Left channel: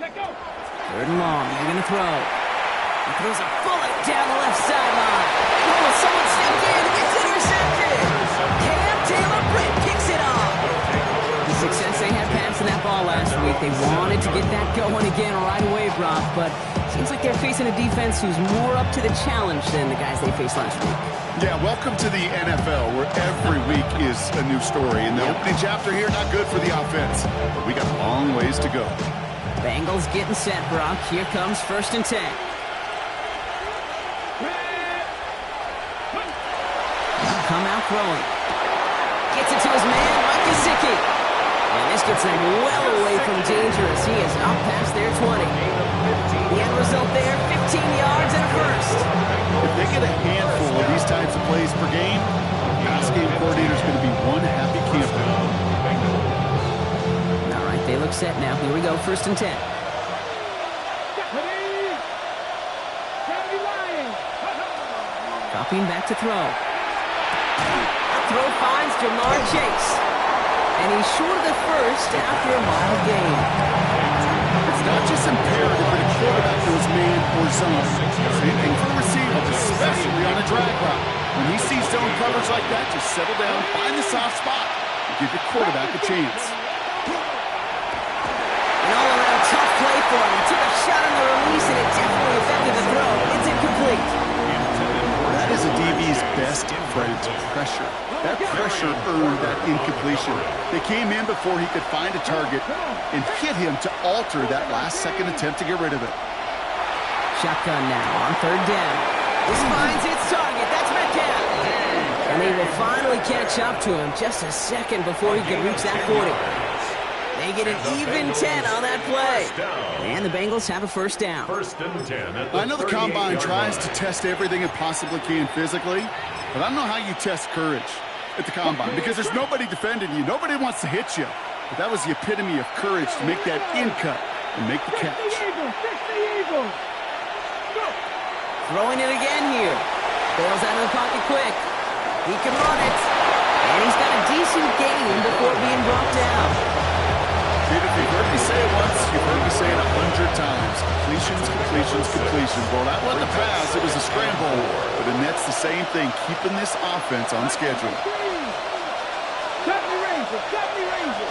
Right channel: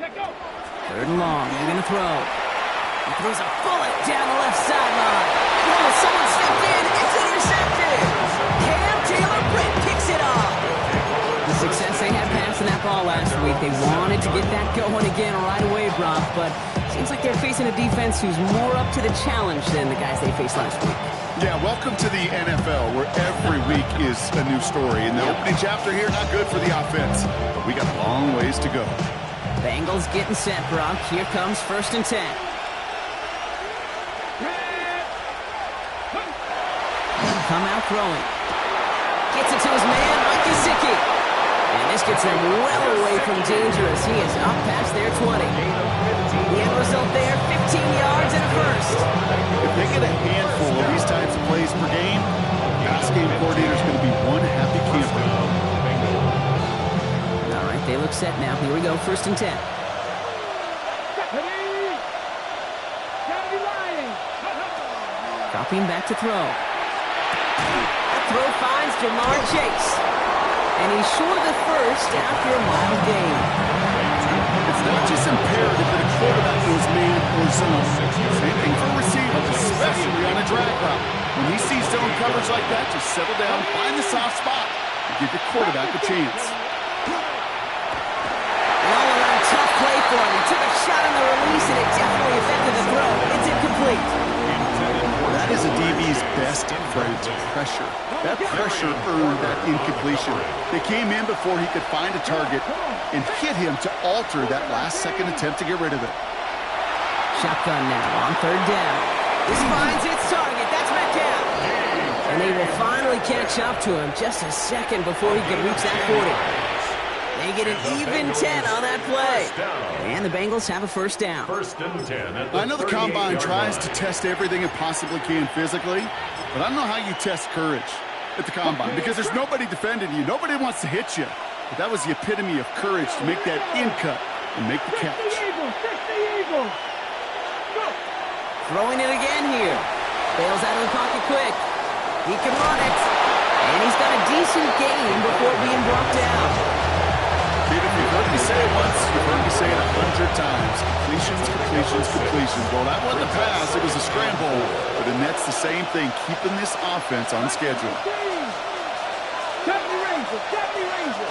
Third and long. They're going to throw. He throws a bullet down the left sideline. Oh, someone stepped in. It's intercepted. Cam Taylor-Britt picks it off. The success they had passing that ball last week, they wanted to get that going again right away, Brock, but seems like they're facing a defense who's more up to the challenge than the guys they faced last week. Yeah, welcome to the NFL, where every week is a new story. In the opening chapter here, not good for the offense, but we got a long ways to go. Bengals getting set, Brock. Here comes 1st and 10. Come out throwing. Gets it to his man, Mike Gesicki. And this gets him well away from danger as he is up past their 20. The end result there, 15 yards and a first. If they get a handful of these types of plays per game, pass game coordinator is going to be one happy camper. All right, they look set now. Here we go, 1st and 10. Dropping back to throw. That throw finds Jamar Chase. And he's short of the first after a mild gain. It's not just imperative that a quarterback knows man or zone. Same thing for a receiver, especially on a drag route. When he sees zone coverage like that, just settle down, find the soft spot, and give your quarterback a chance. An all-around tough play for him. He took a shot on the release, and it definitely affected the throw. It's incomplete. That is a DB's best friend, pressure. That pressure earned that incompletion. They came in before he could find a target and hit him to alter that last-second attempt to get rid of it. Shotgun now on 3rd down. This finds its target. That's Metcalf. And they will finally catch up to him just a second before he can reach that 40. They get an even 10 on that play. And the Bengals have a 1st down. 1st and 10. I know the Combine tries to test everything it possibly can physically, but I don't know how you test courage at the Combine because there's nobody defending you. Nobody wants to hit you. But that was the epitome of courage to make that in cut and make the catch. Throwing it again here. Bails out of the pocket quick. He can run it. And he's got a decent gain before being brought down. Pete, if you've heard me say it once, you've heard me say it 100 times. Completions, completions, completions. Well, that wasn't a pass. It was a scramble. But the Nets, the same thing, keeping this offense on schedule. 70 Rangers, 70 Rangers.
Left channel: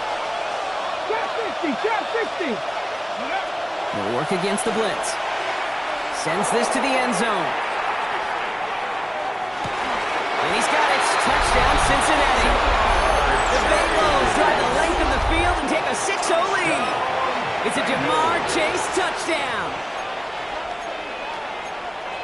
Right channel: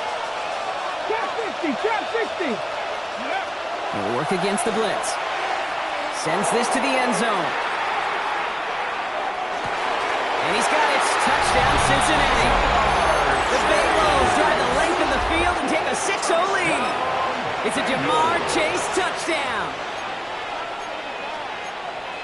Trap 60. He'll work against the blitz. Sends this to the end zone. And he's got it. Touchdown, Cincinnati. The Bengals drive the length of the field and take a 6-0 lead. It's a Jamar Chase touchdown.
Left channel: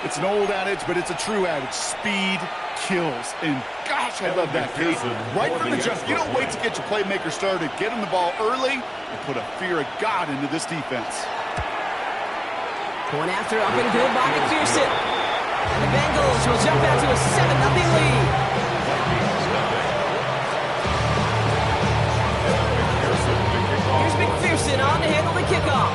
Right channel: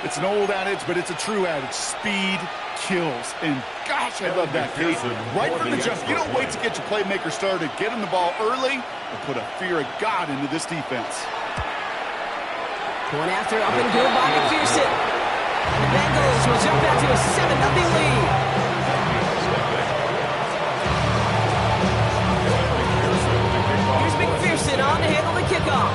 It's an old adage, but it's a true adage. Speed kills. And gosh, I love that, Kate. Right from the jump. You don't wait to get your playmaker started. Get him the ball early and put a fear of God into this defense. Going after up and good by McPherson. And the Bengals will jump out to a 7-0 lead. Here's McPherson on to handle the kickoff.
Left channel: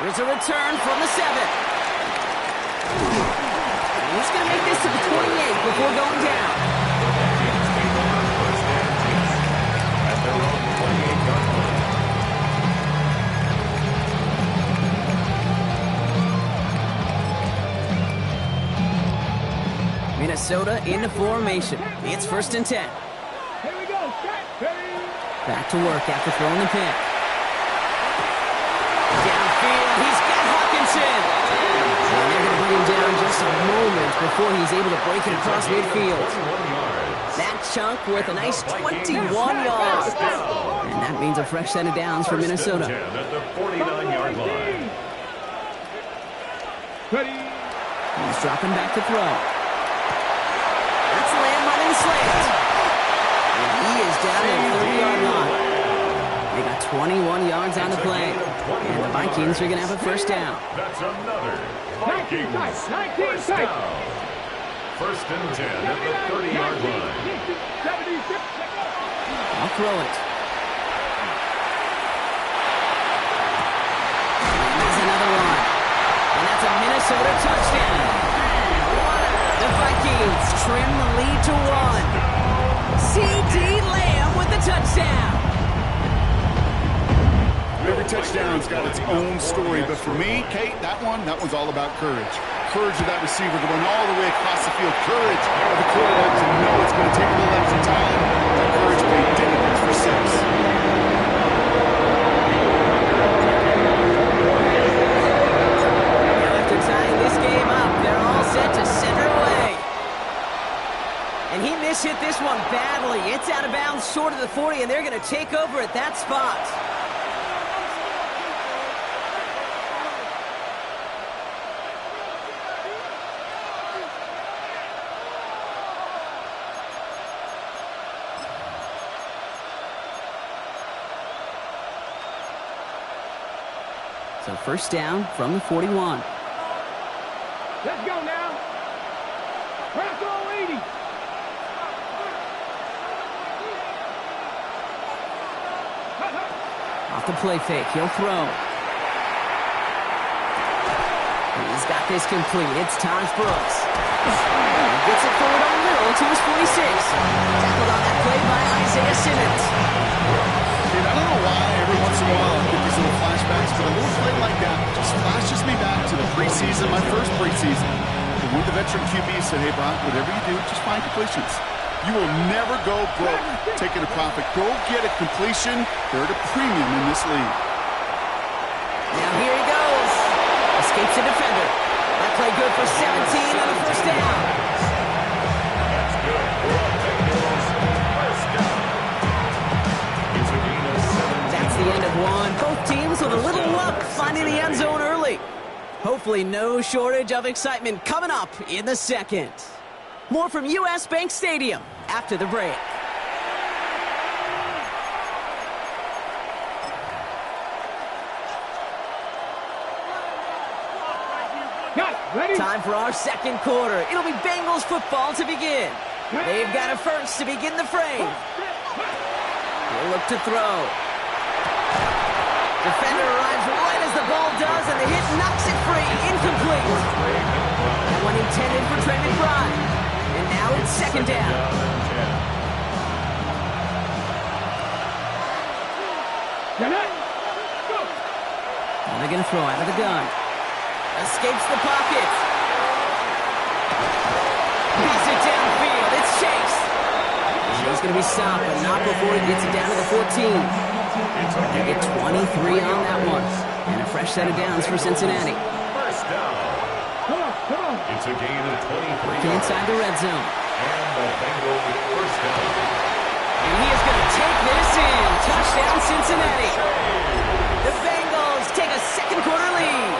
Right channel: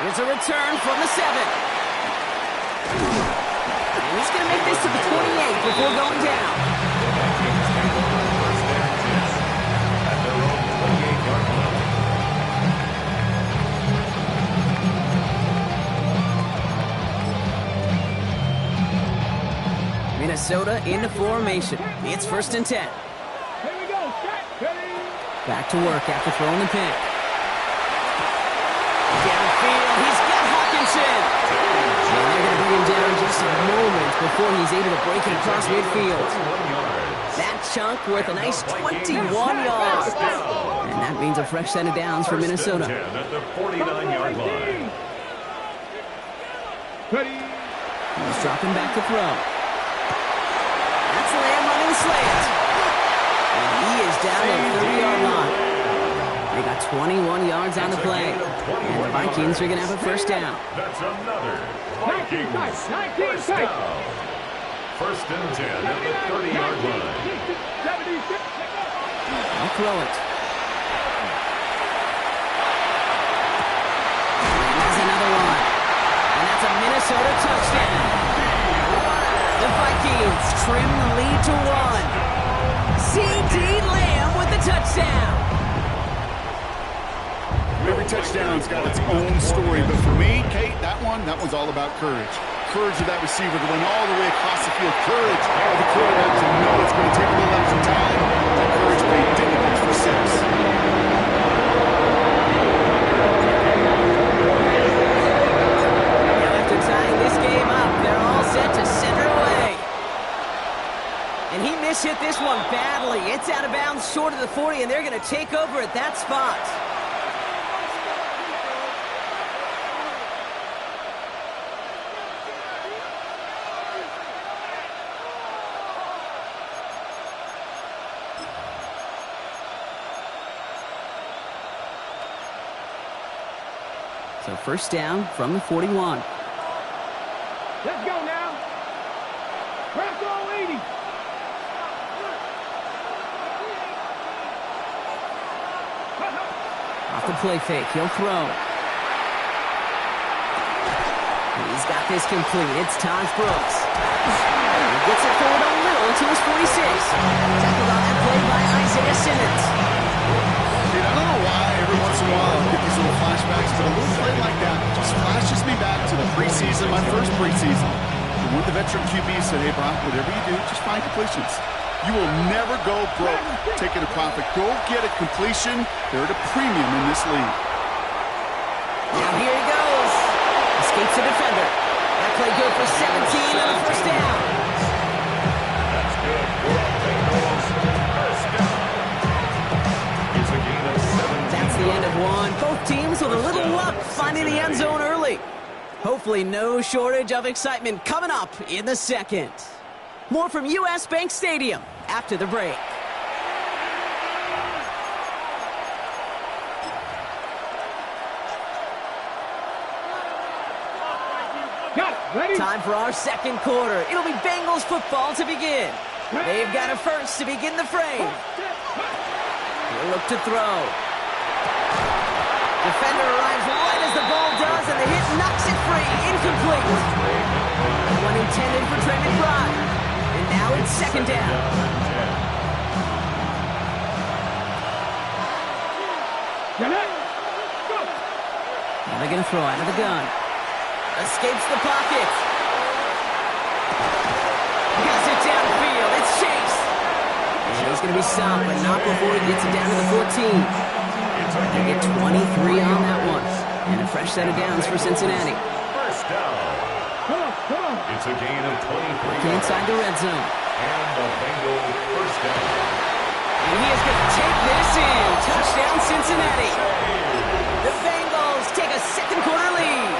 Here's a return from the 7. And he's going to make this to the 28 before going down. At their own 28-yard line. Minnesota into formation. It's 1st and 10. Here we go. Back to work after throwing the pick. Downfield, he's got Hawkinson. And they're going to bring him down just a moment before he's able to break it across midfield. That chunk worth a nice 21 yards. And that means a fresh set of downs for Minnesota. At the 49-yard line. He's dropping back to throw. That's Lamb running the slant. And he is down at the 30-yard line. They got 21 yards on the play. And the Vikings are going to have a 1st down. That's another Vikings first down. 1st and 10 at the 30-yard line. I'll throw it. And there's another one. And that's a Minnesota touchdown. The Vikings trim the lead to 1. C.D. Lamb with the touchdown. Every touchdown's got its own story, but for me, Kate, that one's all about courage. Courage of that receiver to run all the way across the field. Courage of the quarterback to know it's going to take a little extra time. That courage paid dividends for 6. Now after tying this game up, they're all set to send her away. And he mishit this one badly. It's out of bounds short of the 40, and they're going to take over at that spot. So first down from the 41. Let's go now. Bronco 80. Off the play fake, he'll throw. He's got this complete. It's Taj Brooks. He gets it forward a little to his 46. Tackled on that play by Isaiah Simmons. Dude, I don't know why every once in a while I get these little flashbacks, but a little play like that just flashes me back to the preseason, my first preseason. And one of the veteran QBs said, hey, Brock, whatever you do, just find completions. You will never go broke taking a profit. Go get a completion. They're at a premium in this league. Now here he goes. Escapes a defender. That play good for 17 on a first down. That's good for a Bengals first down. It's a gain of 17. That's the end of one. Both teams with a little luck finding the end zone early. Hopefully no shortage of excitement coming up in the second. More from U.S. Bank Stadium after the break. Got it. Ready? Time for our second quarter. It'll be Bengals football to begin. They've got a first to begin the frame. He'll look to throw. Defender arrives right as the ball does, and the hit knocks it free. Incomplete. That one intended for Trey McBride. And now it's second down. Get it. Go. Now they're going to throw out of the gun. Escapes the pocket. Pass it downfield. It's Chase. He's going to be stopped, but not before he gets it down to the 14. They get 23 on that one. And a fresh set of downs for Cincinnati. First down. Come on, come on. It's a gain of 23 Inside the red zone. And the Bengals first down. And he is going to take this in. Touchdown, Cincinnati. The Bengals take a second quarter lead.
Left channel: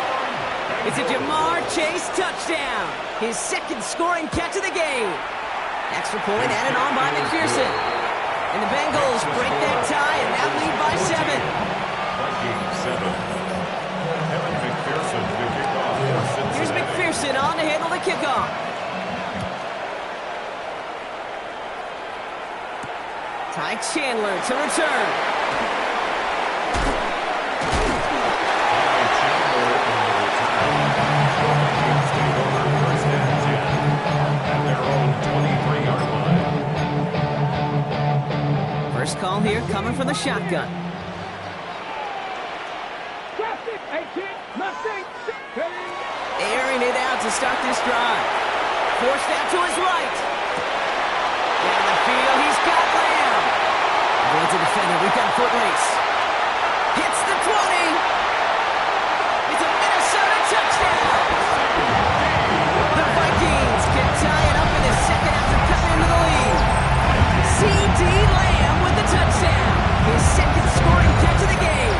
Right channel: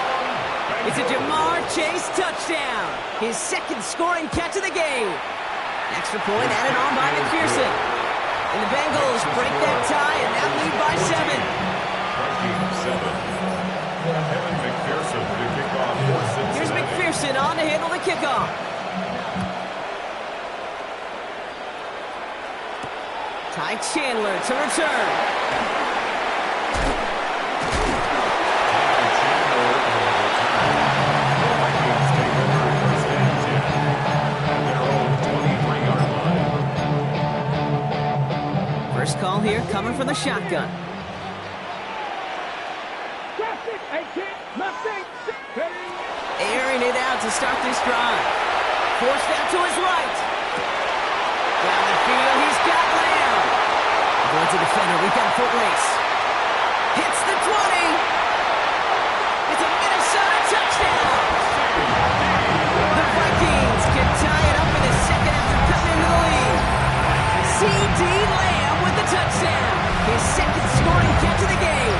It's a Jamar Chase touchdown. His second scoring catch of the game. Extra point added on by McPherson. And the Bengals break that tie and now lead by 7. Vikings 7. Evan McPherson to kick off for Cincinnati. Here's McPherson on to handle the kickoff. Ty Chandler to return. Chandler on the return. The Vikings take over first and 10 at their own 23-yard line. First call here coming from the shotgun. Traffic. 18. Nothing. Airing it out to start this drive. Forced out to his right. Down the field, he's got Lamb. Avoids a defender, we've got a foot race. Hits the 20. It's a Minnesota touchdown. The Vikings can tie it up in the second after cutting into the lead. C.D. Lamb with the touchdown. His second scoring catch of the game.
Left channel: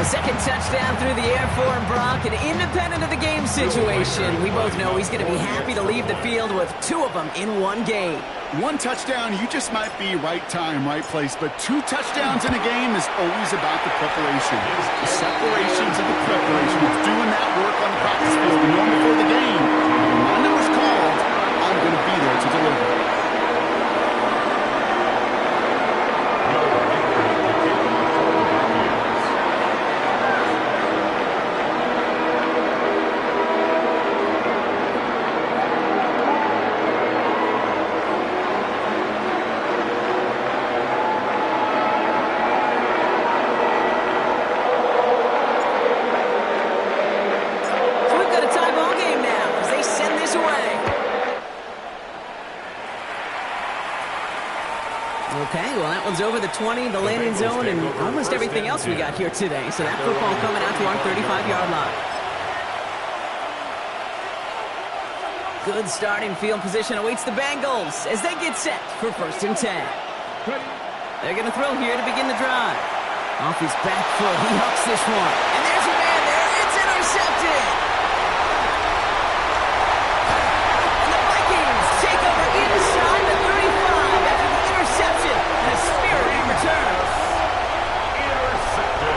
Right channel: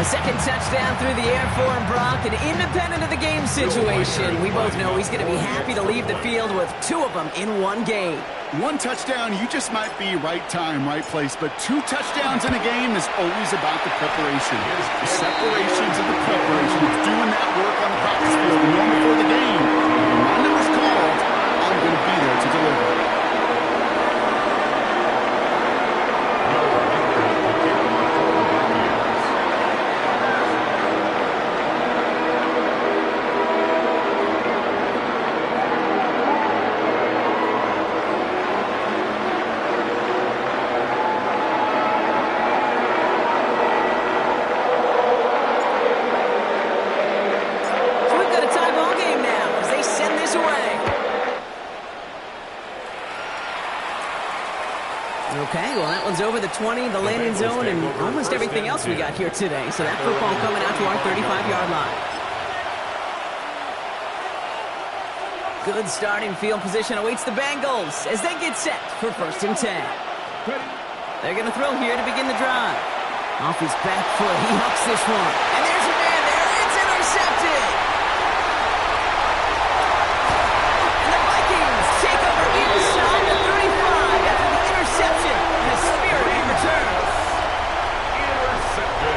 A second touchdown through the air for him, Brock, and independent of the game situation, we both know he's going to be happy to leave the field with 2 of them in one game. 1 touchdown, you just might be right time, right place, but 2 touchdowns in a game is always about the preparation. The separations of the preparation. It's doing that work on the practice field, the norm before the game. When my number's called, I'm going to be there to deliver. Okay, well, that one's over the 20, the landing zone, and almost everything else we got here today. So that football coming out to our 35-yard line. Good starting field position awaits the Bengals as they get set for 1st and 10. They're going to throw here to begin the drive. Off his back foot, he hooks this one. And there's a man there. It's intercepted. And the Vikings take over inside the 35 after the interception and a spirited return.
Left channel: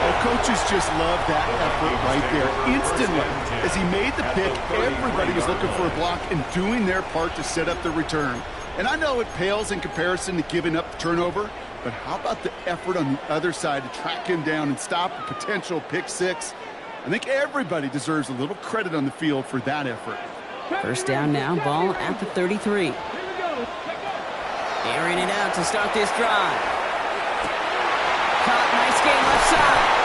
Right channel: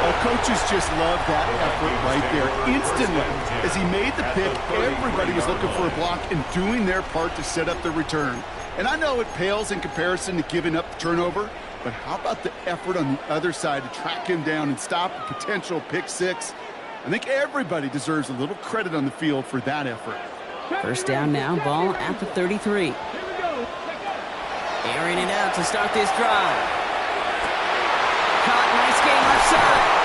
Oh, coaches just love that effort right there. Instantly, as he made the pick, everybody was looking for a block and doing their part to set up the return. And I know it pales in comparison to giving up the turnover, but how about the effort on the other side to track him down and stop a potential pick six? I think everybody deserves a little credit on the field for that effort. 1st down now, ball at the 33. Airing it out to start this drive. Caught, nice game left side.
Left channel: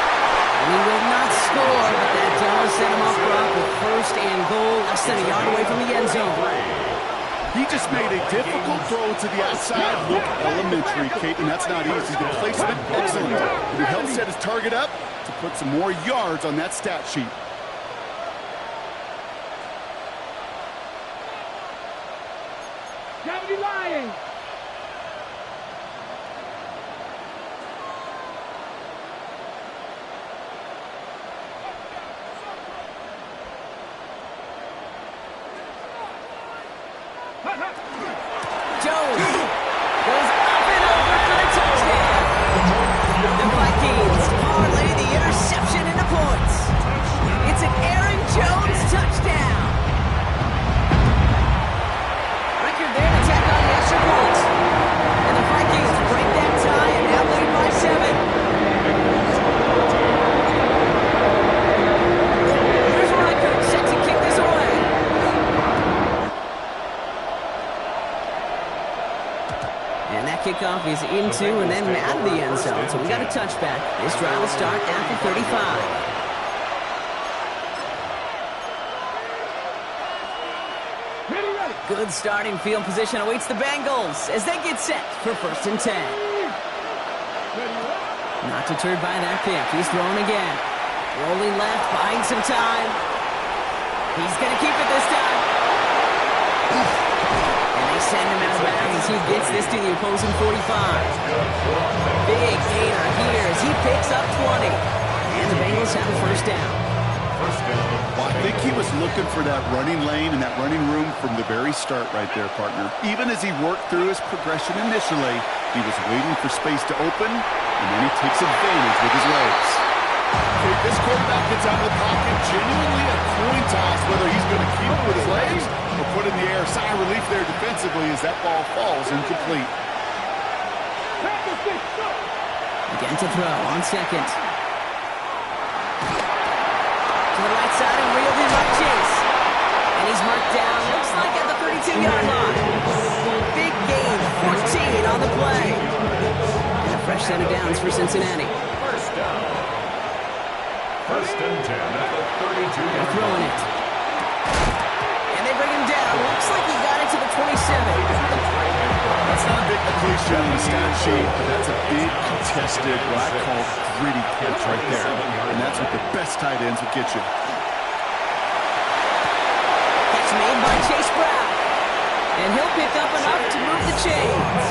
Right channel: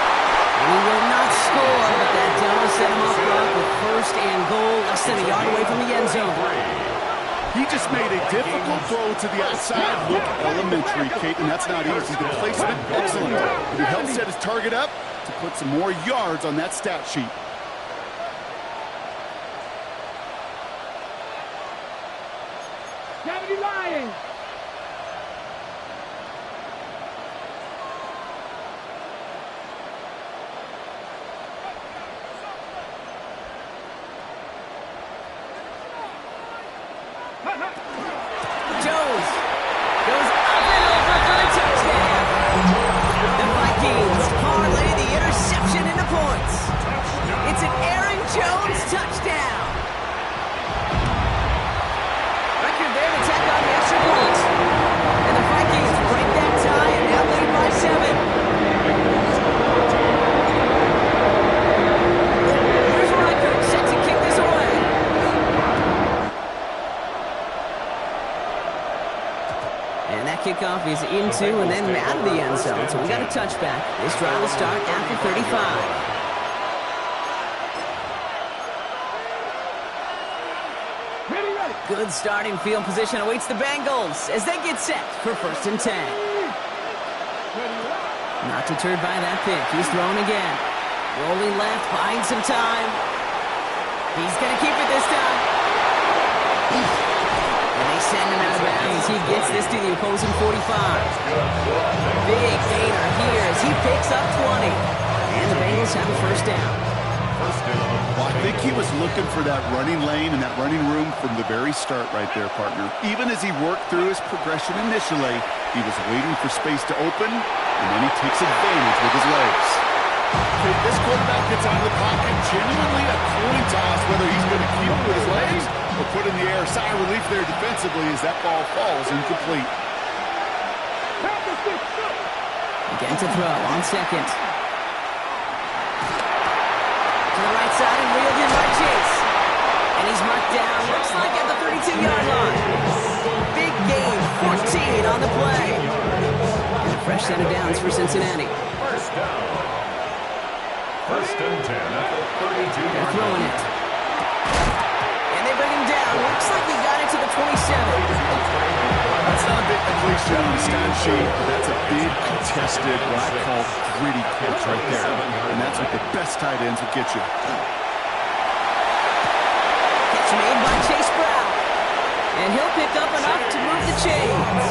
He will not score, but that does set him up front with 1st and goal, less than a yard away from the end zone. He just made a difficult throw to the outside. Look elementary, Kate, and that's not easy. The placement, excellent. And it helps set his target up to put some more yards on that stat sheet. Gravity Lions. Jones goes up and over for the touchdown. The Vikings parlay the interception into points. It's an Aaron Jones touchdown. Record there to tack on the extra points. And the Vikings break that tie and now lead by 7. Here's Reichert set to kick this away. And that kickoff is into and then out of the end zone. So we got a touchback. This drive will start after 35. Good starting field position awaits the Bengals as they get set for 1st and 10. Not deterred by that pick. He's thrown again. Rolling left, buying some time. He's going to keep it this time. And they send him out of bounds as he gets this to the opposing 45. Big gainer here as he picks up 20. And the Bengals have a 1st down. Well, I think he was looking for that running lane and that running room from the very start right there, partner. Even as he worked through his progression initially, he was waiting for space to open, and then he takes advantage with his legs. Okay, this quarterback gets out of the pocket, genuinely a coin toss whether he's going to keep it with his legs or put in the air. Sigh of relief there defensively as that ball falls incomplete. Again to throw on 2nd. To the right side and reeled in by Chase. And he's marked down, looks like at the 32-yard line. Big gain, 14 on the play. And a fresh set of downs for Cincinnati. 1st down. 1st and 10 at the 32-yard line. They're throwing it. And they bring him down. Looks like he got it to the 27. That's not a big completion on the stat sheet, but that's a big contested, what I call gritty catch right there. And that's what the best tight ends will get you. Catch made by Chase Brown. And he'll pick up enough to move the chains.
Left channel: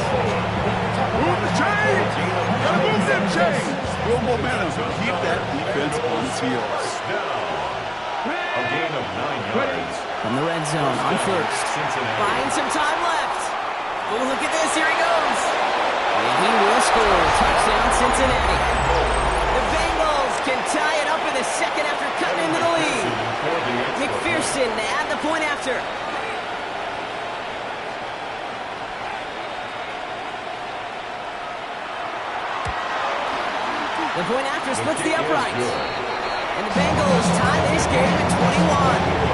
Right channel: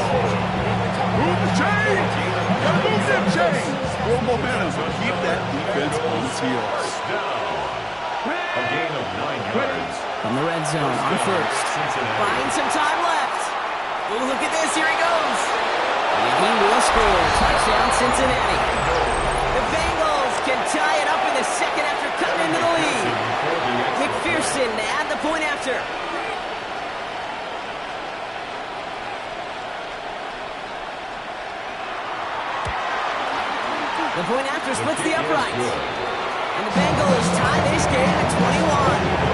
Move the chains! Gotta move them chains! Real momentum. Keep that defense on its heels. A gain of 9 yards. From the red zone on 1st. Buying some time left. Oh, look at this. Here he goes. And he will score. Touchdown, Cincinnati. The Bengals can tie it up in the 2nd after cutting into the lead. McPherson to add the point after. The point after splits the uprights. And the Bengals tie this game at 21.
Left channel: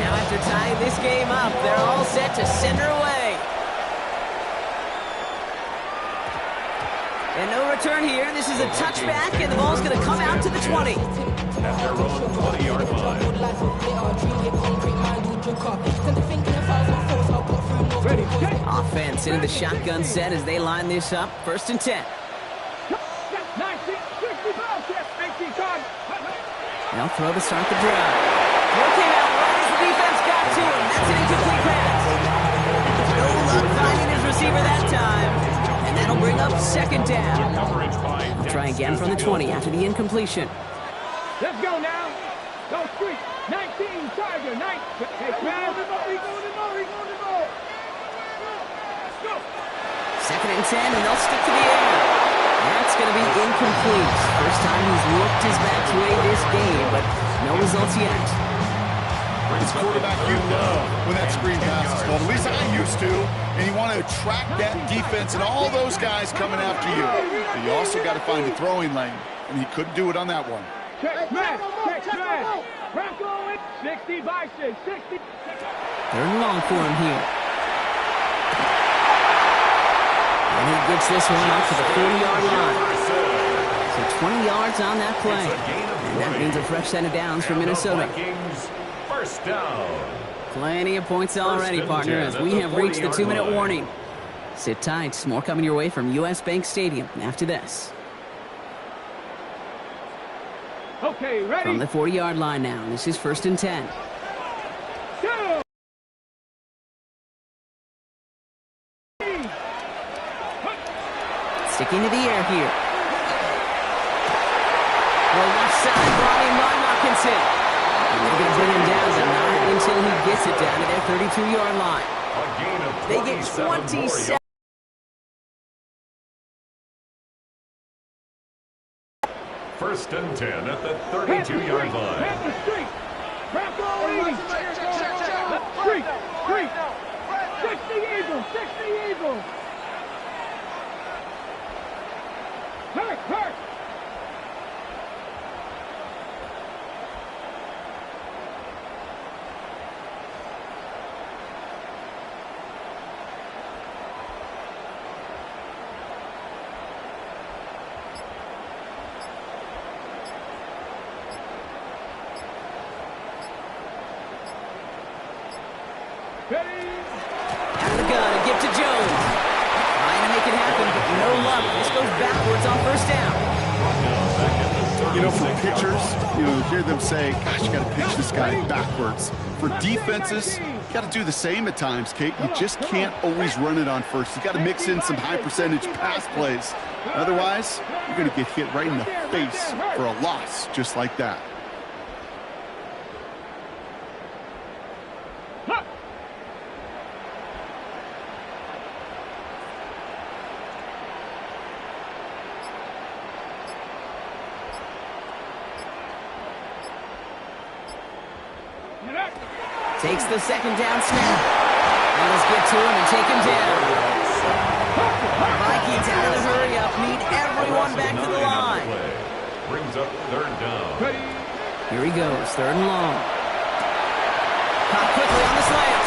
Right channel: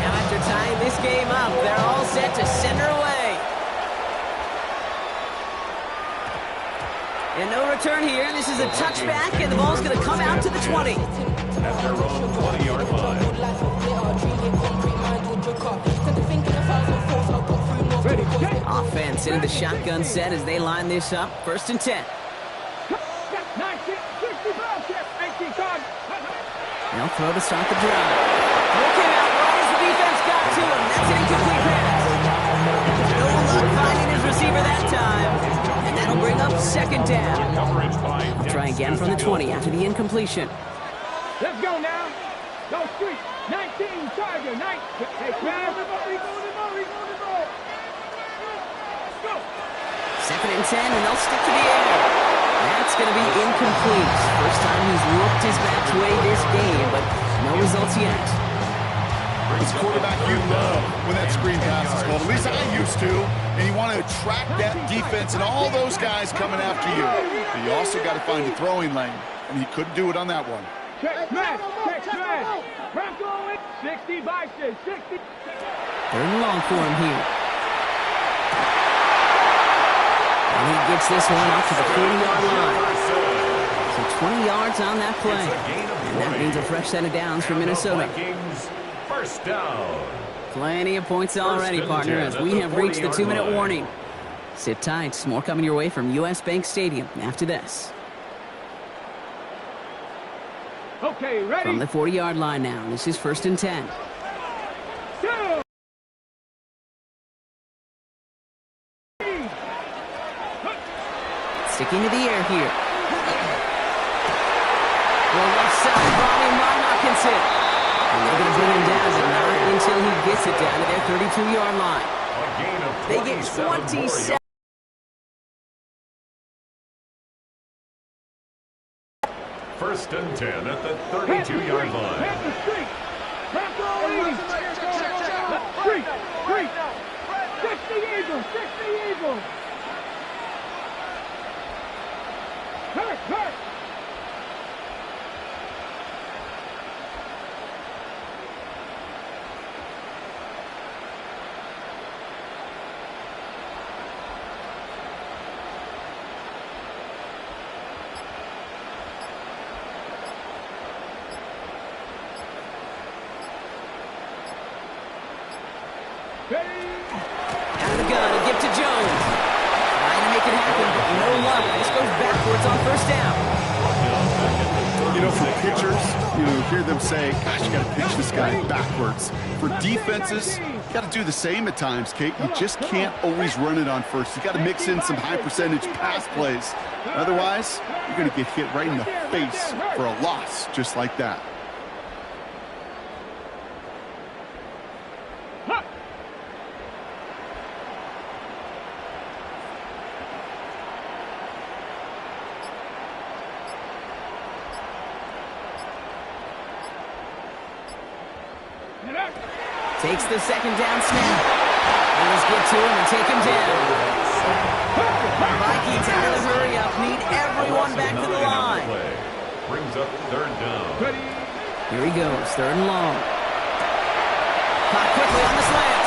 Now after tying this game up, they're all set to send her away. And no return here. This is a touchback, and the ball's going to come out to the 20. At their own 20-yard line. Ready, set. Offense into the shotgun set as they line this up. 1st and 10. 19, 65, check, 18, card. They'll throw to start the drive. Throw came out right as the defense got to him. That's an incomplete pass. No luck finding his receiver that time. And that'll bring up 2nd down. They'll try again from the 20 after the incompletion. Let's go now. Go street. 19, Tiger, 9. Hey, man. He's going to ball. Let's go. 2nd and 10, and they'll stick to the air. That's going to be incomplete. First time he's looked his match way this game, but no results yet. As quarterback, you love when that screen pass is called. At least I used to. And you want to attract that defense and all those guys coming after you. But you also got to find a throwing lane, and he couldn't do it on that one. Check smash. Bronco, 60 by 6, 60. 3rd and long for him here. And he gets this one up to the 40-yard line. So 20 yards on that play. And that means a fresh set of downs for Minnesota. 1st down. Plenty of points already, partner, as we have reached the 2-minute warning. Sit tight. More coming your way from U.S. Bank Stadium after this. Okay, ready? From the 40-yard line now. This is 1st and 10. Go. Sticking to the air here. Well, left side brought in by Hockenson. And they're going to bring him down, but not until he gets it down to their 32-yard line. A gain of They get 27. 1st and 10 at the 32-yard line. Hit the street. Bronco, 80. Street. 60 Eagles. Hurt. Out of the gun, a gift to Jones. Trying to make it happen, but no luck. This goes backwards on 1st down. You know, for pitchers, you hear them say, gosh, you got to pitch this guy backwards. For defenses, you got to do the same at times, Kate. You just can't always run it on first. You got to mix in some high-percentage pass plays. Otherwise, you're going to get hit right in the face for a loss just like that. Takes the 2nd down snap. And let's get to him and take him down. The Vikings out of the hurry-up need everyone back to the line. Brings up 3rd down. Here he goes, 3rd and long. Caught quickly on the slant.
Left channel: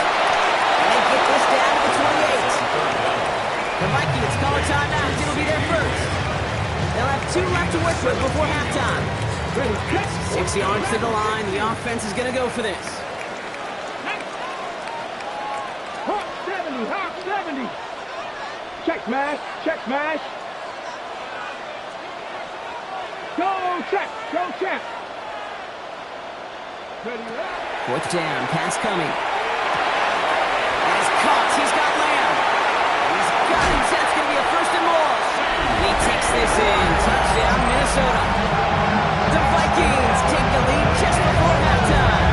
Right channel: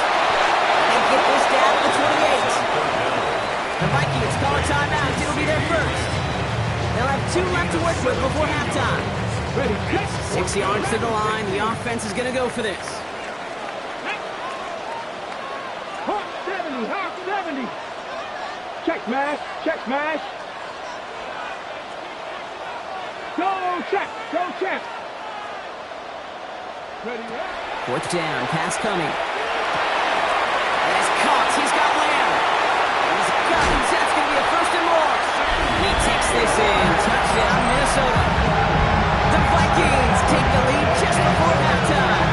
And they get this down to the 28. The Vikings call a timeout. It'll be their first. They'll have 2 left to work with before halftime. 6 yards to the line. The offense is going to go for this. Hawk 70. Check smash. Go check. Ready, 4th down, pass coming. And it's caught. He's got Lamb. He's got him. That's going to be a 1st and more. And he takes this in. Touchdown, Minnesota. The Vikings take the lead just before halftime.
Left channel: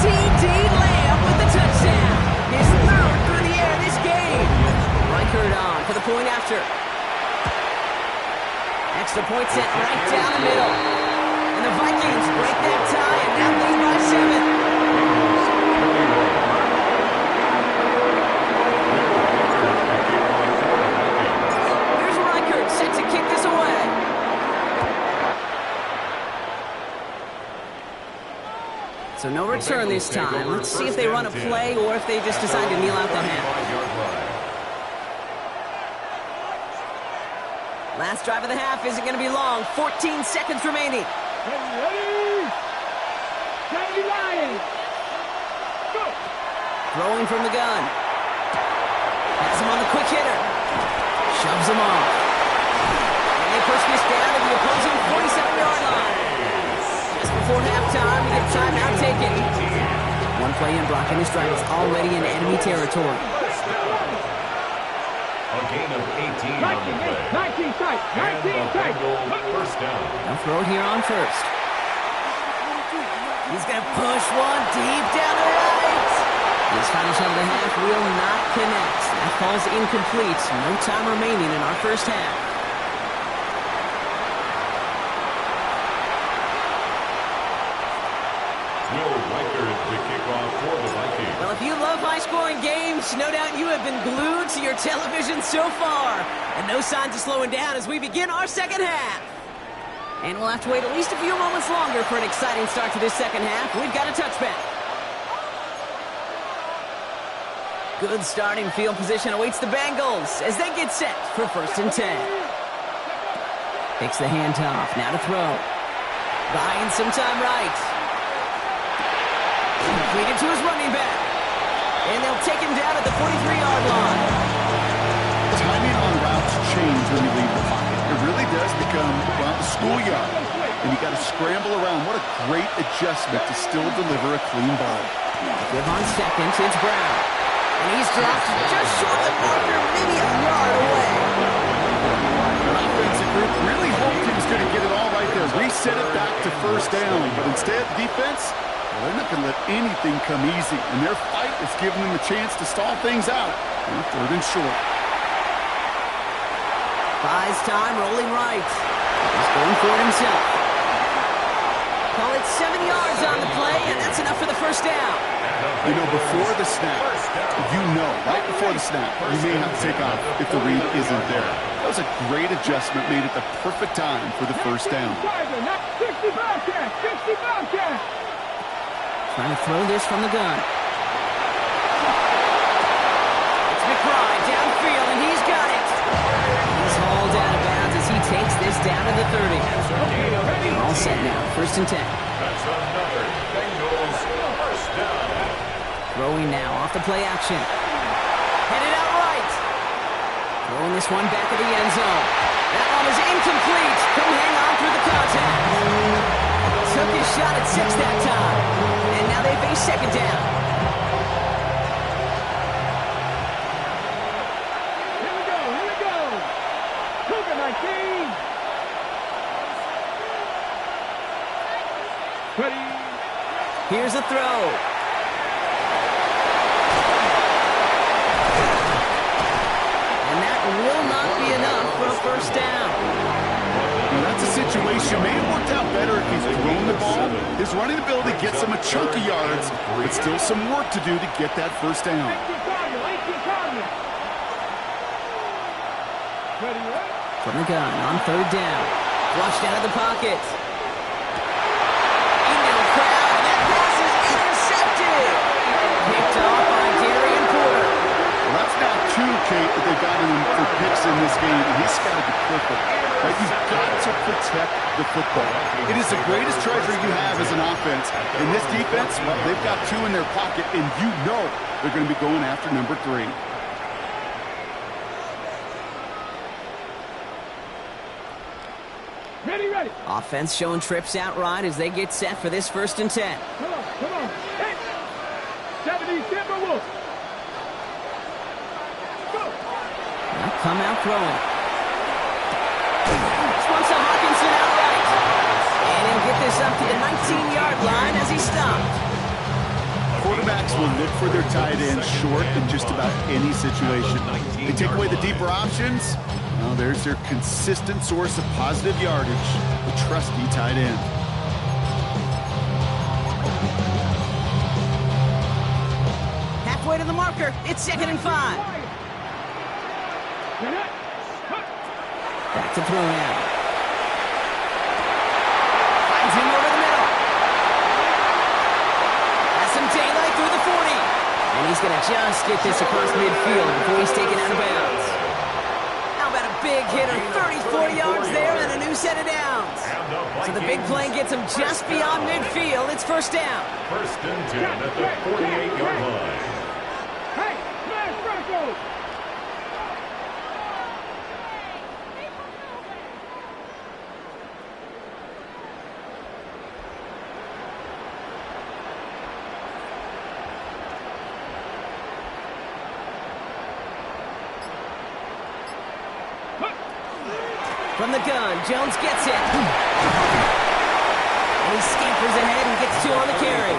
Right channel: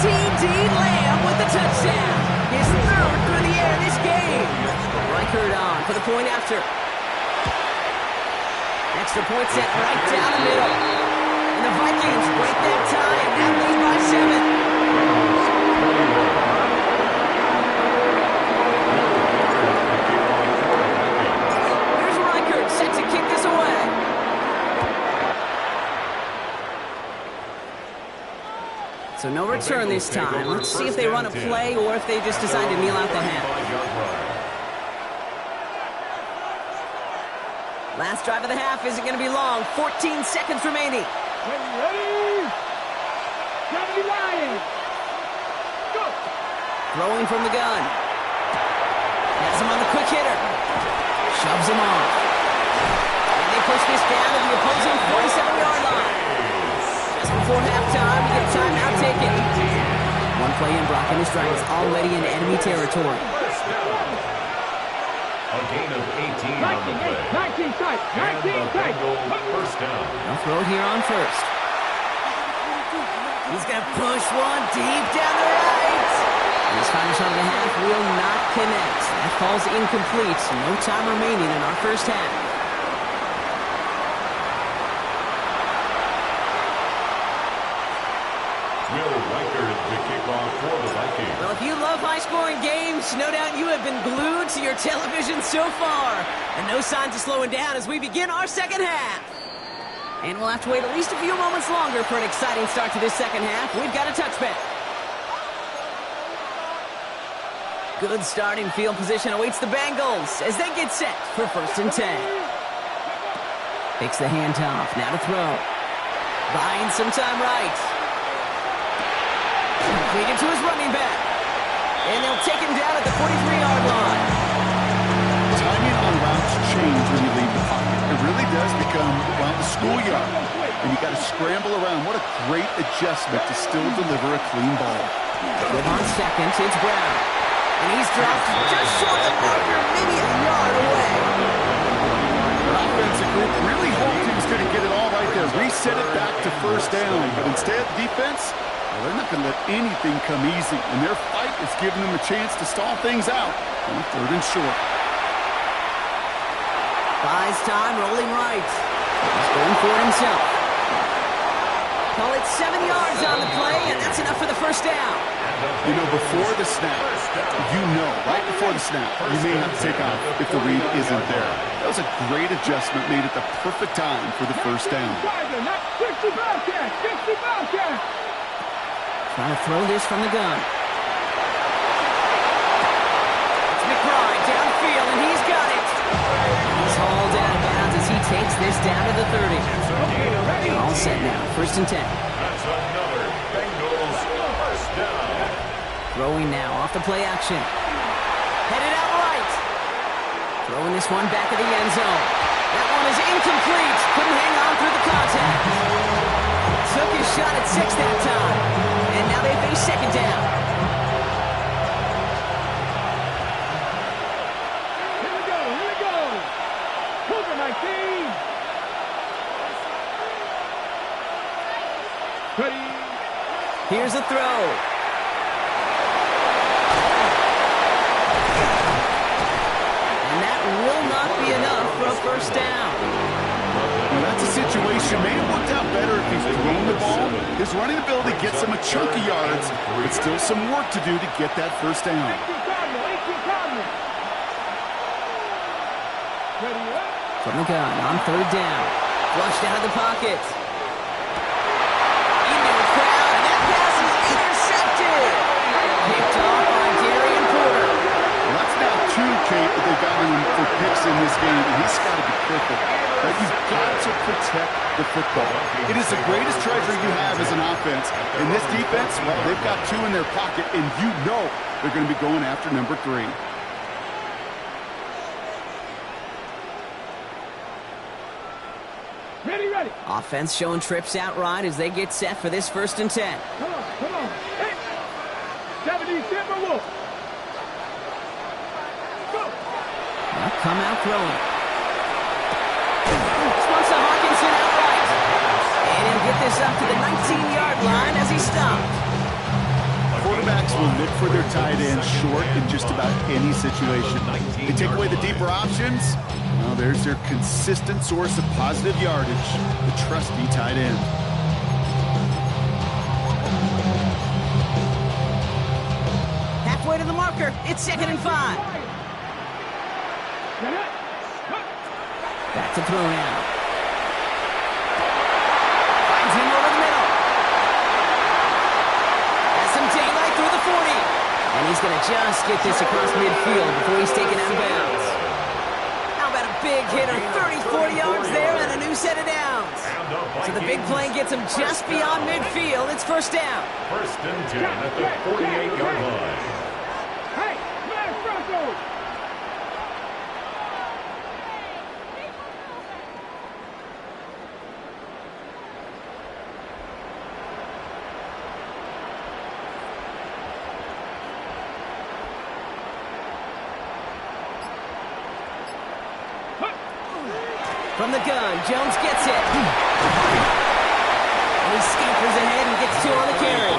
C.D. Lamb with the touchdown. His 3rd through the air this game. Reichard on for the point after. Extra point set right down the middle. And the Vikings break that tie and now lead by 7. Here's Reichard set to kick this away. So no return this time. Let's see if they run a play or if they just decide to kneel out the half. Last drive of the half isn't going to be long. 14 seconds remaining. Ready? 70 Lions. Go. Throwing from the gun. Has him on the quick hitter. Shoves him off. And they push this down to the opposing 47-yard line. Just before halftime, we get a timeout taken. One play in, Brock, and his drive is already in enemy territory. A gain of 18 on the play. 19 tight. 19 tight. First down. They'll throw it here on first. He's going to push one deep down the right. This final shot of the half will not connect. That falls incomplete. No time remaining in our first half. Will Reichard to kick off for the Vikings. Well, if you love high-scoring games, no doubt you have been glued to your television so far. And no signs of slowing down as we begin our second half. And we'll have to wait at least a few moments longer for an exciting start to this second half. We've got a touchback. Good starting field position awaits the Bengals as they get set for 1st and 10. Takes the handoff, now to throw. Buying some time right. Completed to his running back. And they'll take him down at the 43-yard line. Timing on routes change when you leave the pocket. It really does become, well, the schoolyard. And you got to scramble around. What a great adjustment to still deliver a clean ball. Give on second, it's Brown. And he's dropped just short of the marker, maybe a yard away. The offensive group really hoped he was going to get it all right there. Reset it back to first down. But instead, defense, well, they're not going to let anything come easy. And their fight is giving them a chance to stall things out on 3rd and short. Buys time, rolling right. He's going for it himself. Call it 7 yards on the play, and that's enough for the first down. You know, before the snap, right before the snap, you may have to take off if the read isn't there. That was a great adjustment made at the perfect time for the first down. 60 Bobcats. 60 Bobcats. Trying to throw this from the gun. It's McBride downfield, and he's got it. He's hauled out of bounds as he takes this down to the 30. They're all set now. 1st and 10. That's another Bengals first down. Throwing now off the play action. Headed out right. Throwing this one back of the end zone. That one is incomplete. Couldn't hang on through the contact. Took his shot at 6 that time. And now they face second down. Here we go. Cougar 19. Ready. Here's a throw. And that will not be enough for a first down. Now, that's a situation. May have worked out better if he's thrown the ball. His running ability gets him a chunk of yards, but still some work to do to get that first down. 18 Cardinal. Ready up. From the gun on 3rd down. Flushed out of the pocket. Into the crowd, and that pass is intercepted. Picked off by Darian Porter. Well, that's now 2, Kate, that they've got him for picks in this game, and he's got to be careful. Right? You've got to protect the football. It is the greatest treasure you have as an offense. In this defense, well, they've got 2 in their pocket, and you know they're going to be going after number 3. Ready. Offense showing trips out right as they get set for this 1st and 10. Come on. Hey. 70 Timberwolves. Go. Now come out throwing. This one's to Hawkinson outright. And he'll get this up to the 19-yard line as he stopped. Quarterbacks will look for their tight end short in just about any situation. They take away the deeper options. Well, there's their consistent source of positive yardage, the trusty tight end. Halfway to the marker. It's 2nd and 5. Back to throw now. Finds him over the middle. Has some daylight through the 40. And he's going to just get this across midfield before he's taken out of bounds. How about a big hitter. 34 yards there and a new set of downs. So the big play gets him just beyond midfield. It's first down. First and 10 at the 48-yard line. Hey, smash Bronco! From the gun, Jones gets it. And he scampers ahead and gets two on the carry.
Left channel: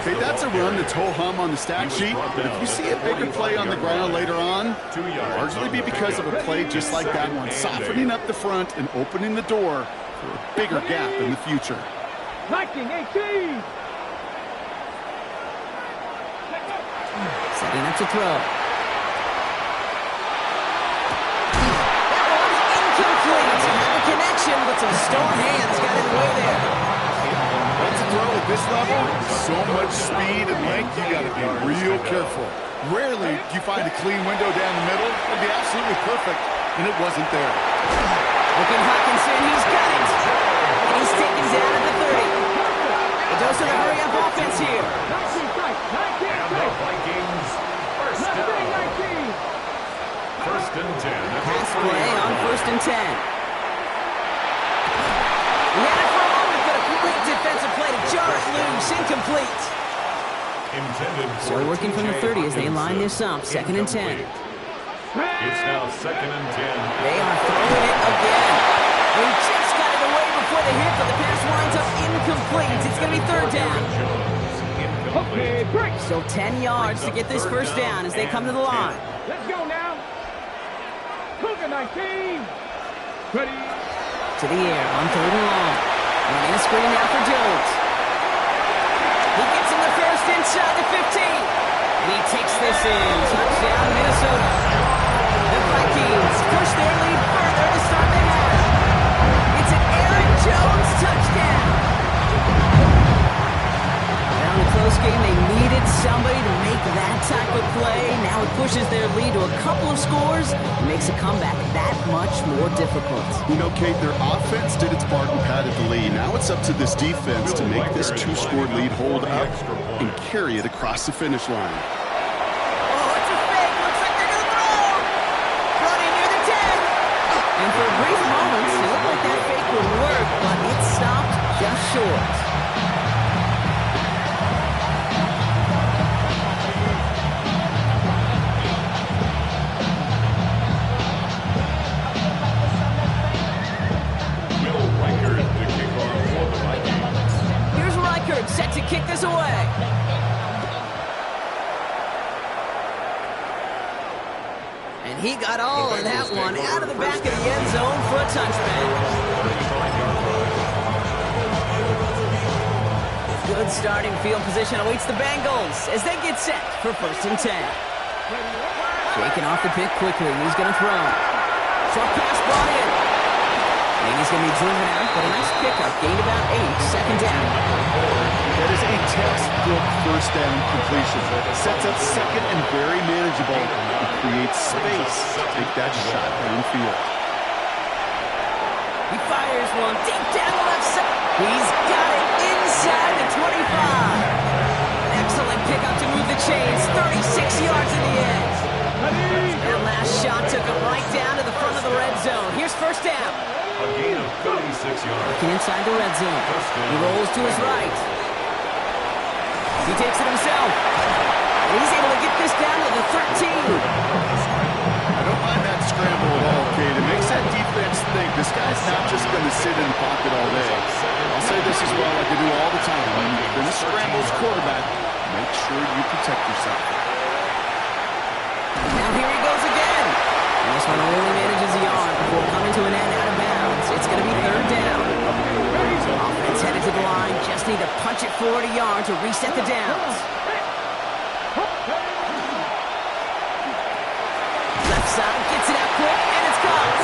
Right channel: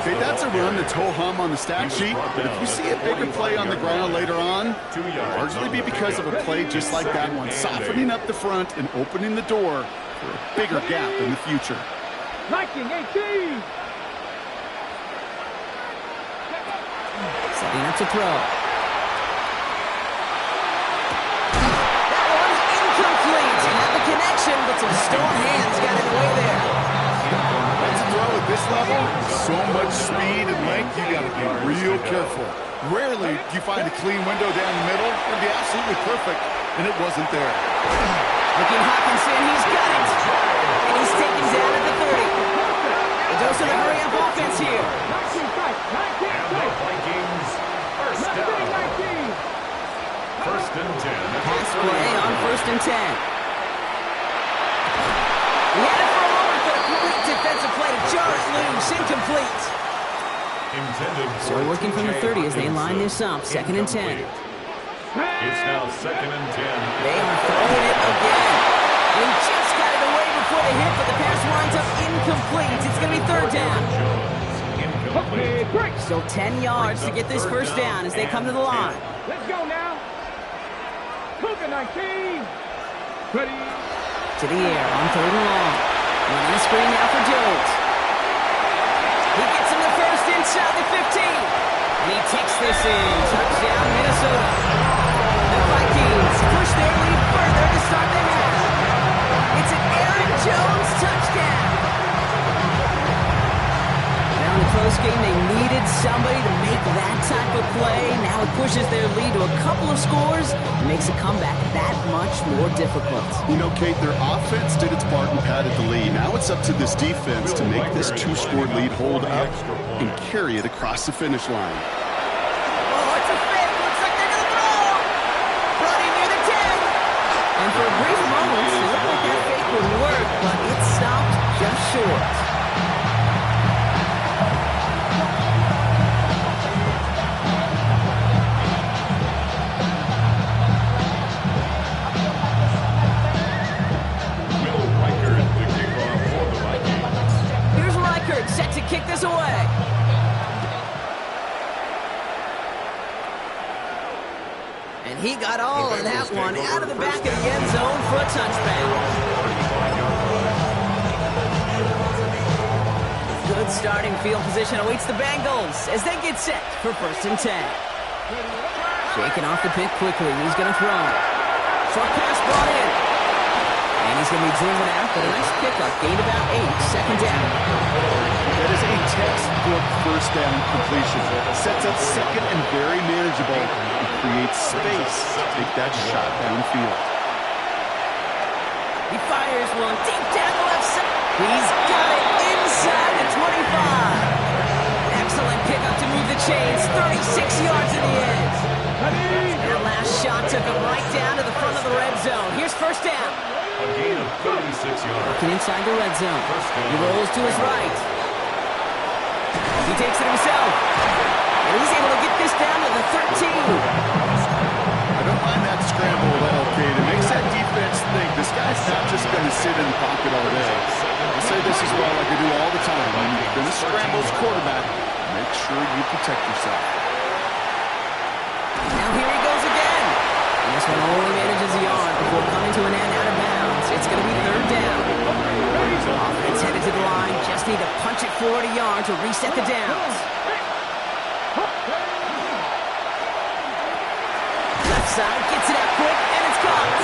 Okay, that's a run that's ho-hum on the stat sheet, but if you see a bigger play on the ground later on, it'll largely be because of a play just like that one, softening up the front and opening the door for a bigger gap in the future. Viking 18! Setting up to throw. Complete. Had the connection, but some stone hands got in the way there. That's a throw at this level. So much speed and length, you got to be real careful. Rarely do you find a clean window down the middle. It'd be absolutely perfect, and it wasn't there. Looking Hawkinson, he's got it. And he's taken down at the 30. The dose of the hurry-up offense here. 19 strike, 19 And the strike. Vikings first Mustang down. 19. First and 10 at the Pass play 30-yard on line. first and 10. He had it for a moment, but a great defensive play to jar it loose. Incomplete. Intended for So working from the TJ 30 as they line Hawkinson. this up. Second and 10. It's now second and 10. They are throwing it again. They just got it away before the hit, but the pass winds up incomplete. It's going to be third down. Jones, Okay, incomplete. break. Still 10 yards to get this first down as they come to the line. Let's go now. Cougar 19. Ready. To the air on third and long. Running a screen now for Jones. He gets him the first inside the 15. And he takes this in. Touchdown, Minnesota. The Vikings push their lead further to start the half. It's an Aaron Jones touchdown. Now in a close game, they needed somebody to make that type of play. Now it pushes their lead to a couple of scores and makes a comeback that much more difficult. You know, Kate, their offense did its part and padded the lead. Now it's up to this defense to make this two-score lead hold up and carry it across the finish line. Oh, it's a fake. Looks like they're going to throw. Brody near the 10. And for a brief moment, it looked like that fake would work, but it stopped just short. Will Reichard to kick off for the Vikings. Here's Reichard set to kick this away. And he got all of that one out of the back of the end zone for a touchback. 35-yard line. Good starting field position awaits the Bengals as they get set for first and 10. Shaking off the pick quickly. He's going to throw. Short pass brought in. And he's going to be driven out, but a nice pickup. Gained about 8. Second down. That is a textbook first down completion. Sets up second and very manageable and creates space to take that shot downfield. He fires one deep down the left side. He's got it inside the 25. Excellent pickup to move the chains. 36 yards in the end. That last shot took him right down to the front of the red zone. Here's first down. A gain of 36 yards. Working inside the red zone. He rolls to his right. He takes it himself. And he's able to get this down to the 13. I don't mind that scramble at all, Kate. It makes that defense think this guy's not just going to sit in the pocket all day. I'll say this as well like I do all the time. When you're going to scramble as quarterback, make sure you protect yourself. Now here he goes again. And this one only manages a yard before coming to an end out of bounds. It's going to be third down. Offense headed to the line. Just need to punch it forward a yard to reset the downs. Left side gets it out quick, and it's caught.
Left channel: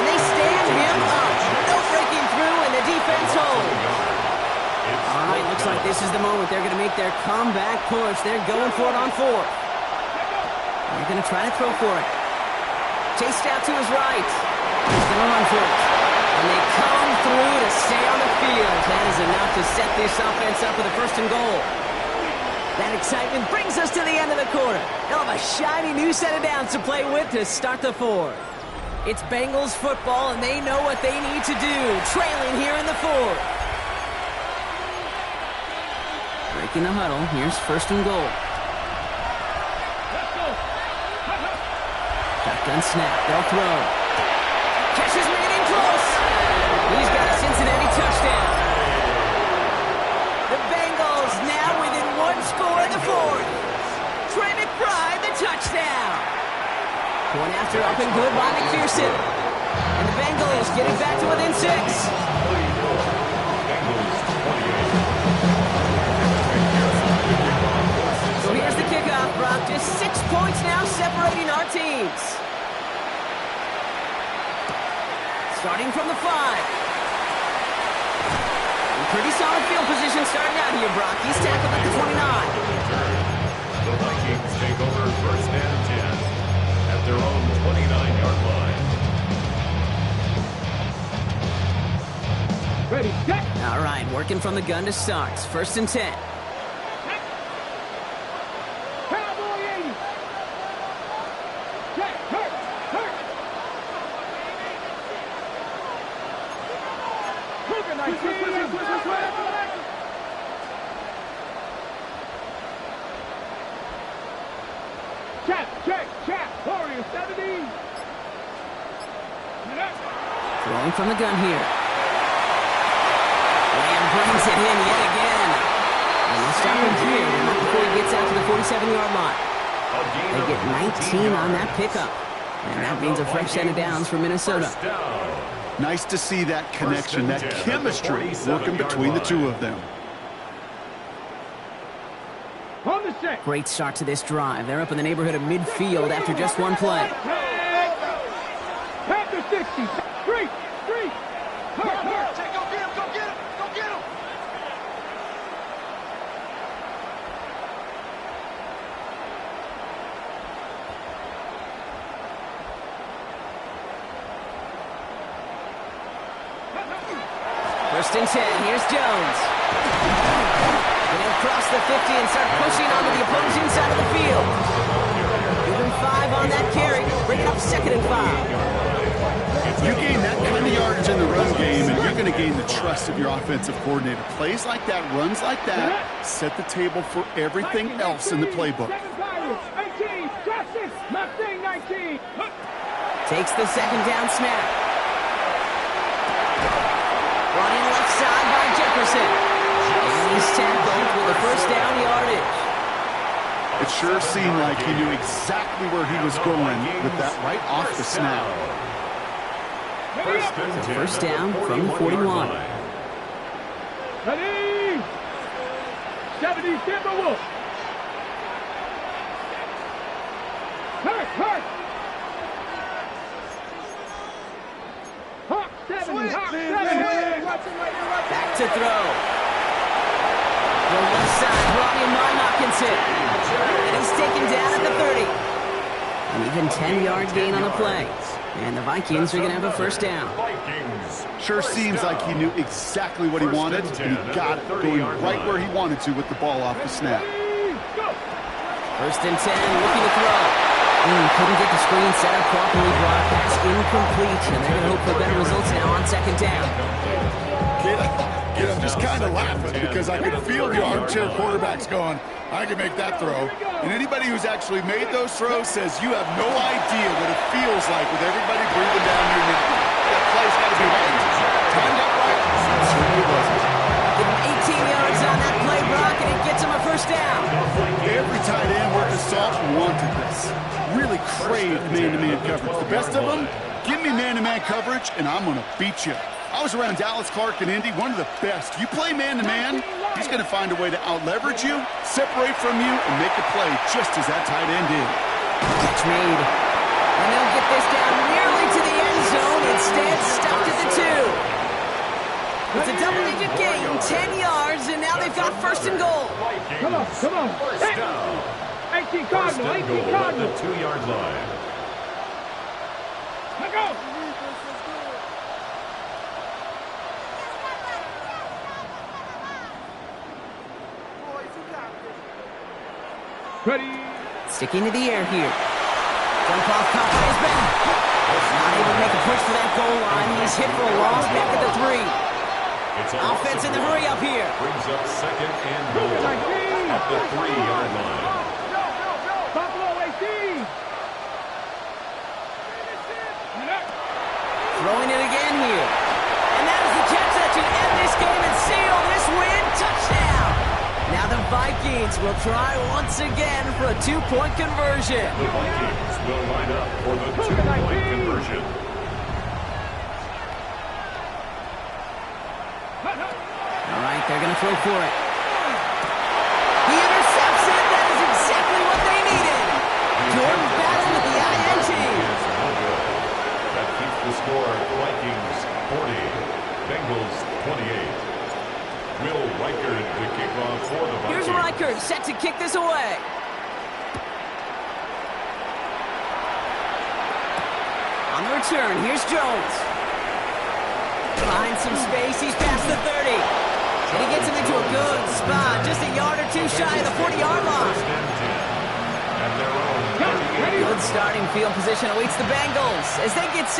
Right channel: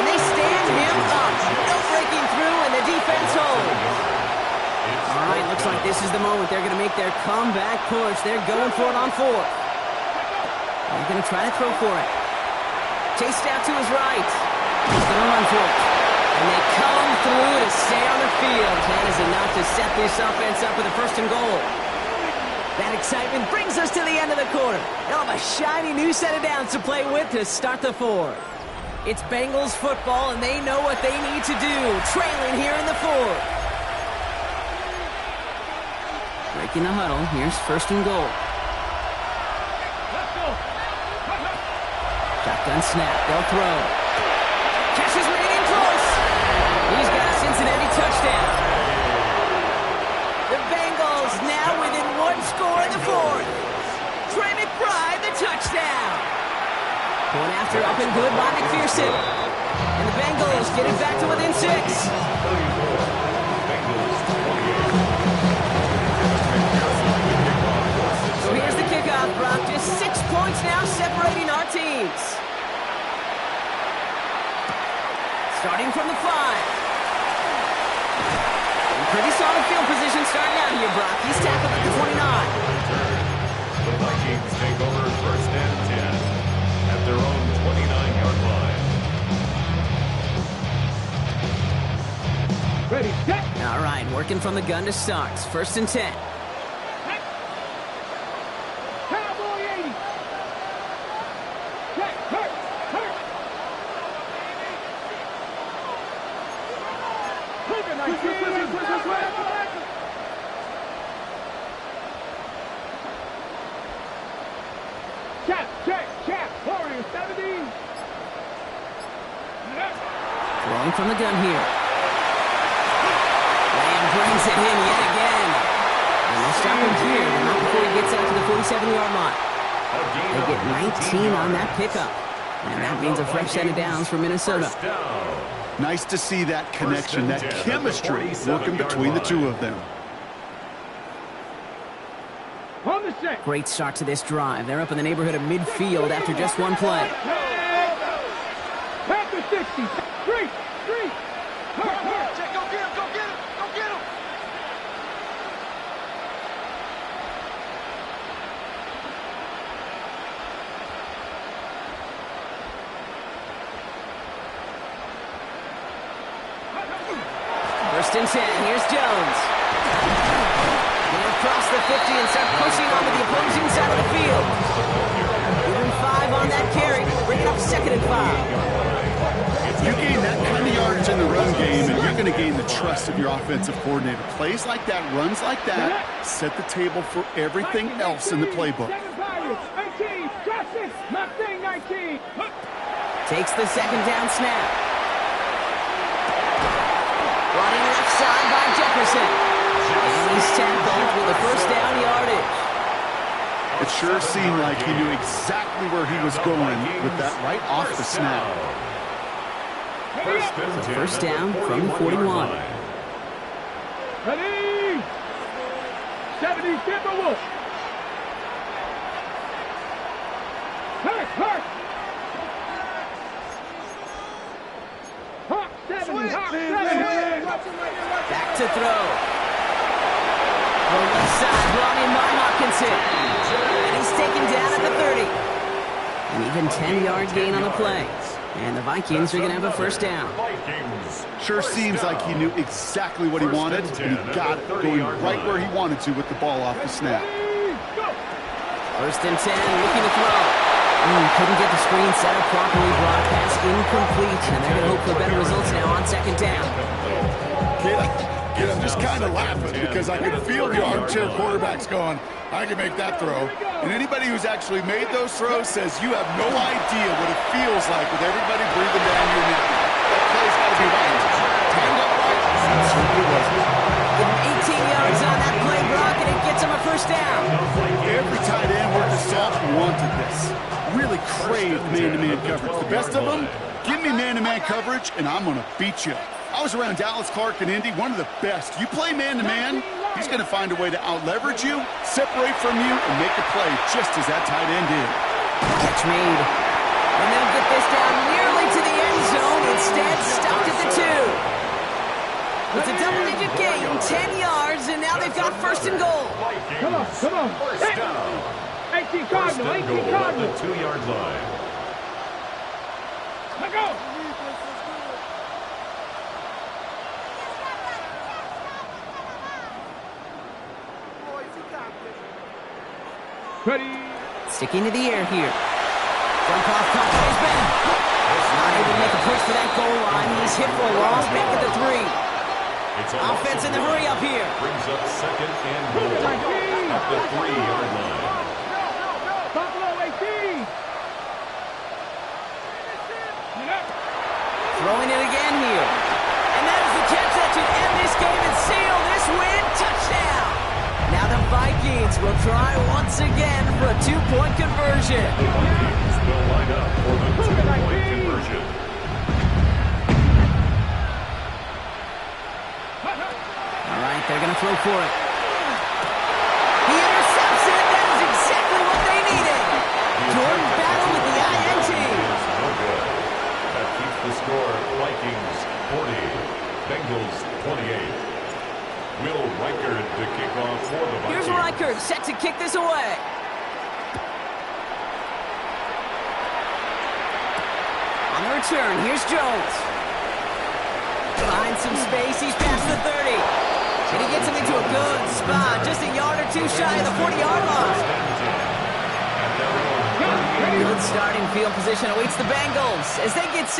And they stand him up. No breaking through, and the defense holds. All right, looks like this is the moment. They're going to make their comeback push. They're going for it on fourth. They're going to try to throw for it. chased out to his right. He's going to run for it. And they come through to stay on the field. That is enough to set this offense up with a 1st and goal. That excitement brings us to the end of the quarter. They'll have a shiny new set of downs to play with to start the 4th. It's Bengals football, and they know what they need to do, trailing here in the 4th. Breaking the huddle. Here's 1st and goal. Let's go. Shotgun snap. They'll throw. Catch is made in close. He's got a Cincinnati touchdown. The Bengals now within 1 score in the 4th. Trey McBride, the touchdown. One after up and good by McPherson. And the Bengals get it back to within 6. Bengals 28. So here's the kickoff, Brock. Just 6 points now separating our teams. Starting from the 5. Pretty solid field position starting out here, Brock. He's tackled at the 29. The Vikings take over 1st and 10 at their own 29-yard line. Ready, set. All right, working from the gun to start. 1st and 10. Cowboy 80. Check, hurt. Cougar 19. Chap. Warrior 70. Throwing from the gun here. Lamb brings it in yet again. And they'll stop him here, but not before he gets out to the 47-yard line. They get 19 on that pickup. And that means a fresh set of downs for Minnesota. Nice to see that connection, that chemistry working between the two of them. On the set. Great start to this drive. They're up in the neighborhood of midfield after just 1 play. Panther 60. Street. Hurt. Go get him. First and 10. Here's Jones. They'll cross the 50 and start pushing onto the opposing side of the field. Give him 5 on that carry. Bring it up 2nd and 5. You gain that kind of yardage in the run game, and you're going to gain the trust of your offensive coordinator. Plays like that, runs like that, set the table for everything else in the playbook. 7 Pirates. 18. Justice. Mustang 19. Takes the 2nd down snap. Running left side by Jefferson. And he's tackled with a 1st down yardage. It sure seemed like he knew exactly where he was going with that right off the snap. So 1st down from the 41. Ready. 70 Timberwolves. Hurt. Hawk 70. Back to throw. Throw left side, brought in by Hockenson. And he's taken down at the 30. An even 10-yard gain on the play. And the Vikings are going to have a 1st down. Sure seems like he knew exactly what he wanted, and he got it going right where he wanted to with the ball off the snap. 1st and 10, looking to throw. Couldn't get the screen set up properly. Brock, pass incomplete, and they're going to hope for better results now on 2nd down. Kid, I'm just kind of laughing because I can feel the armchair quarterbacks going, I can make that throw. And anybody who's actually made those throws says you have no idea what it feels like with everybody breathing down your neck. That play's got to be right. Timed up right? It certainly wasn't. Give him 18 yards on that play, Brock, and it gets him a 1st down. Every tight end worth his salt wanted this. Really craved man-to-man coverage. The best of them, give me man-to-man coverage, and I'm going to beat you. I was around Dallas Clark and Indy, one of the best. You play man-to-man, he's going to find a way to out-leverage you, separate from you, and make a play just as that tight end did. Catch made. And they'll get this down nearly to the end zone. Instead, stopped at the 2. It's a double-digit gain, 10 yards, and now they've got 1st and goal. Come on. 1st down. 18 Cardinal. 18 Cardinal. At the 2-yard line. Let go. Ready. Sticking to the air here. Jump off caught by his back. Not able to make a push for that goal line. He's hit for a loss back at the 3. It's a Offense in the hurry up here. Brings up second and goal at the 3-yard line. Buffalo 18. Throwing it again here. And that is the catch that should end this game and seal this win. Touchdown. Now the Vikings will try once again for a 2-point conversion. The Vikings will line up for the 2-point conversion. All right, they're going to throw for it. He intercepts it. That is exactly what they needed. Jordan Battle with the INT. Is no good. That keeps the score Vikings 40, Bengals 28. Will Reichard to kick off for the Vikings. Here's Reichard set to kick this away. On the return, here's Jones. Finds some space, he's past the 30. And he gets him into a good spot, just a yard or two shy of the 40-yard line. First and 10. At their own 38. Good starting field position awaits the Bengals as they get set.